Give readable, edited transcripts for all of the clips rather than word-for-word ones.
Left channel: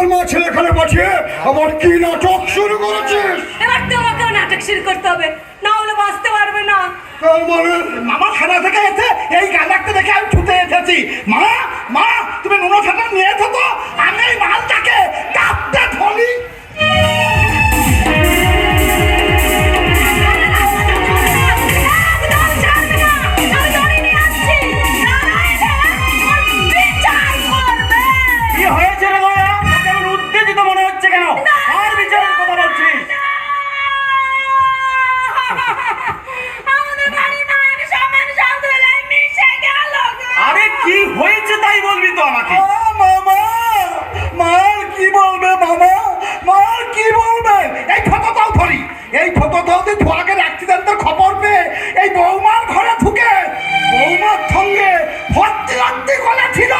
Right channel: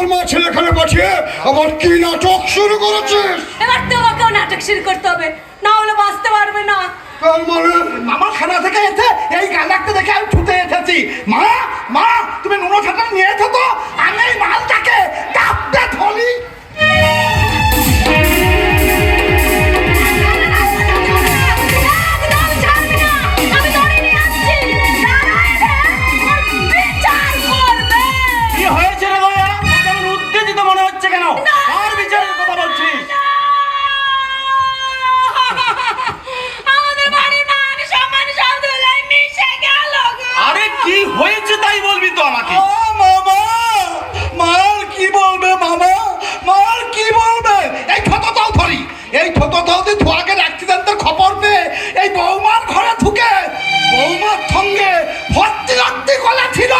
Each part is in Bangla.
আর মা ছেলেখানে পাঠিয়ে আবার কি নাটক শুরু করেছিস? এবার তোমাকেও নাটক শুরু করতে হবে, না হলে বাঁচতে পারবে না। তার মানে মামা থানা থেকে এসে এই গালাকটা দেখে আমি ছুটে এসেছি। মা মা তুমি নুনো ছাটা নিয়ে এসো তো, আমি এই মালটাকে কাঁপতে ফলি। কি হয়েছে রে দয়া? কেমন উত্তেজিত মনে হচ্ছে কেন? আর বিচারের কথা বলছিস? আরে কি হয়েছে তাই বলবি তো আমাকে। মামা মার কি বলবে? মামা মার কি বলবে? এই থততাও ধরি, এই থততাও তুই ধোয়াকের অ্যাক্সিডেন্টের খবর পেয়ে এই বৌমার ঘরে ঢুকে বৌমার সঙ্গে ভর্তি রক্তি কলা ছিল।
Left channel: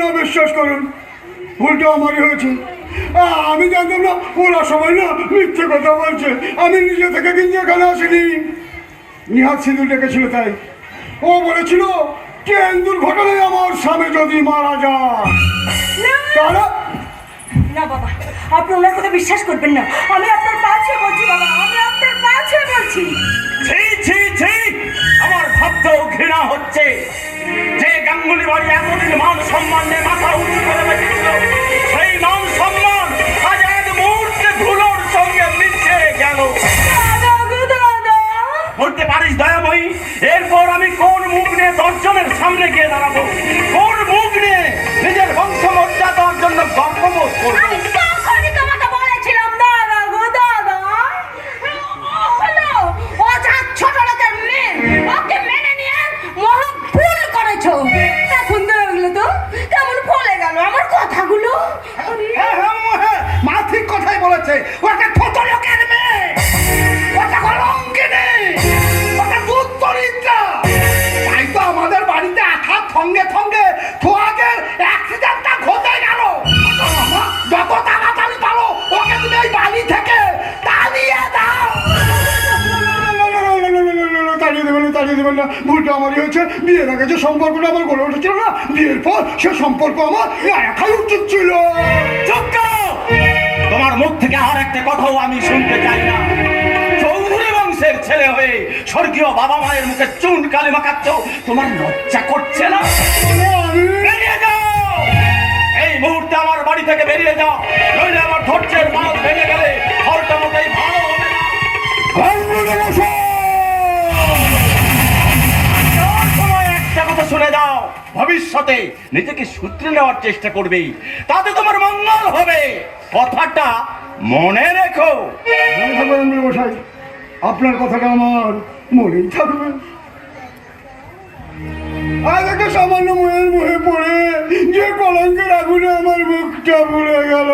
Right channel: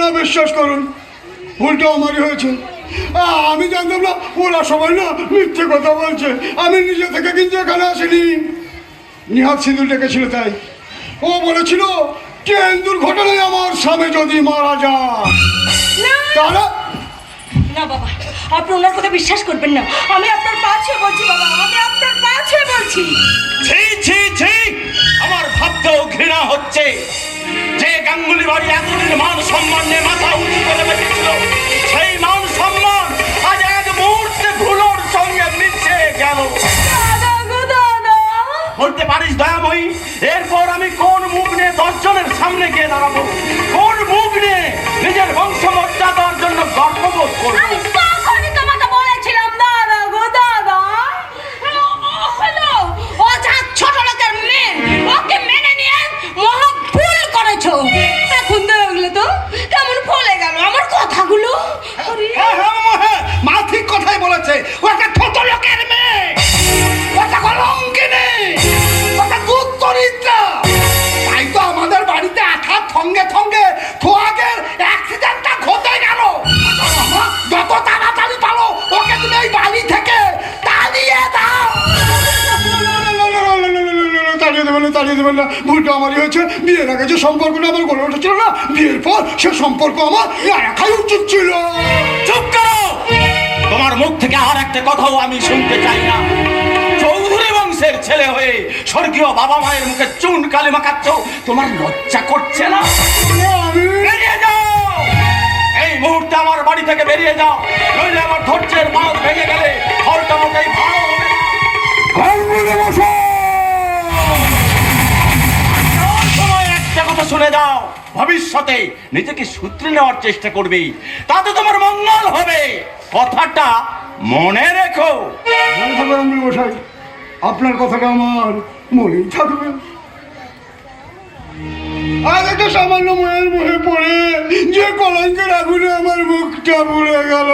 না, বিশ্বাস করুন, ভুলটা আমারই হয়েছে। আমি জানতাম না ওরা সবাই না মিথ্যে কথা বলছে। আমি নিজে থেকে কিন্তু এখানে আসিনি। নিহাত সিঁদুর ডেকেছিল, তাই ও বলেছিল ট্রেন দুর্ঘটনায় আমার স্বামী যদি মারা যায় তাহলে। না বাবা, আপনি ওনার কথা বিশ্বাস করবেন না। আমি আপনার পা ছুঁয়ে বলছি বাবা, আমি আপনার পা ছুঁয়ে বলছি। ছি ছি ছি, আমার ভাবতেও ঘৃণা হচ্ছে। যে গাঙ্গুলি বাড়ি এতদিন মান সম্মান নিয়ে মাথা উঁচু করে রেখেছিল, সেই মান সম্মান আজ এক মুহূর্তে ধুলোর সঙ্গে মিশে গেল। বলতে পারিস দয়াময়ী, এরপর আমি কোন মুখ নিয়ে দর্শনের সামনে গিয়ে দাঁড়াবো? কোন মুখ নিয়ে নিজের বংশ মর্যাদার জন্য গর্ববোধ করবো? তখনই তোমাকে বলেছিলাম দাদা গো দাদা, হলো ও যা ছোট লোকের মেয়ে, ওকে মেনে নিয়ে মহা ভুল করেছো। এখন দেখলে তো কেমন ফলে গেল আমার কথাগুলো। মা ঠিক কথাই বলেছে, ও একটা ছোট লোকের মেয়ে, ওটা কলঙ্কিনী, ওটা দুশ্চরিত্রা। তাই তো আমাদের বাড়িতে আঠার সঙ্গে সঙ্গে থোয়াকের অ্যাক্সিডেন্টটা ঘটে গেল। যত তাড়াতাড়ি পারো ওকে তুমি এই বাড়ি থেকে তাড়িয়ে দাও। তাড়িয়ে দেবেন না, ভুলটা আমারই হয়েছে। বিয়ের আগে যে সম্পর্কটা আমার গড়ে উঠেছিল না, বিয়ের পর সে সম্পর্ক আমার রাখাই উচিত ছিল। চুপ করো! তোমার মুখ থেকে আর একটা কথাও আমি শুনতে চাই না। চৌধুরী বংশের ছেলে হয়ে স্বর্গীয় বাবা মায়ের মুখে চুন কালি মাখাচ্ছ, তোমার লজ্জা করছে না? বেরিয়ে যাও, এই মুহূর্তে আমার বাড়ি থেকে বেরিয়ে যাও, নইলে আমার ধৈর্যের বাঁধ ভেঙে গেলে ঘরটা মোটেই ভালো হবে না। সময় একটা কথা শুনে যাও, ভবিষ্যতে নিজেকে সূত্রে নেওয়ার চেষ্টা করবে, তাতে তোমার মঙ্গল হবে। কথাটা মনে রেখো। মশাই, আপনার কথাটা আমার মনেই থাকবে। আজ একটা সামান্য মেয়ের মুখে পড়ে যে কলঙ্কের আগুনে আমার মুখটা পুড়ে গেল,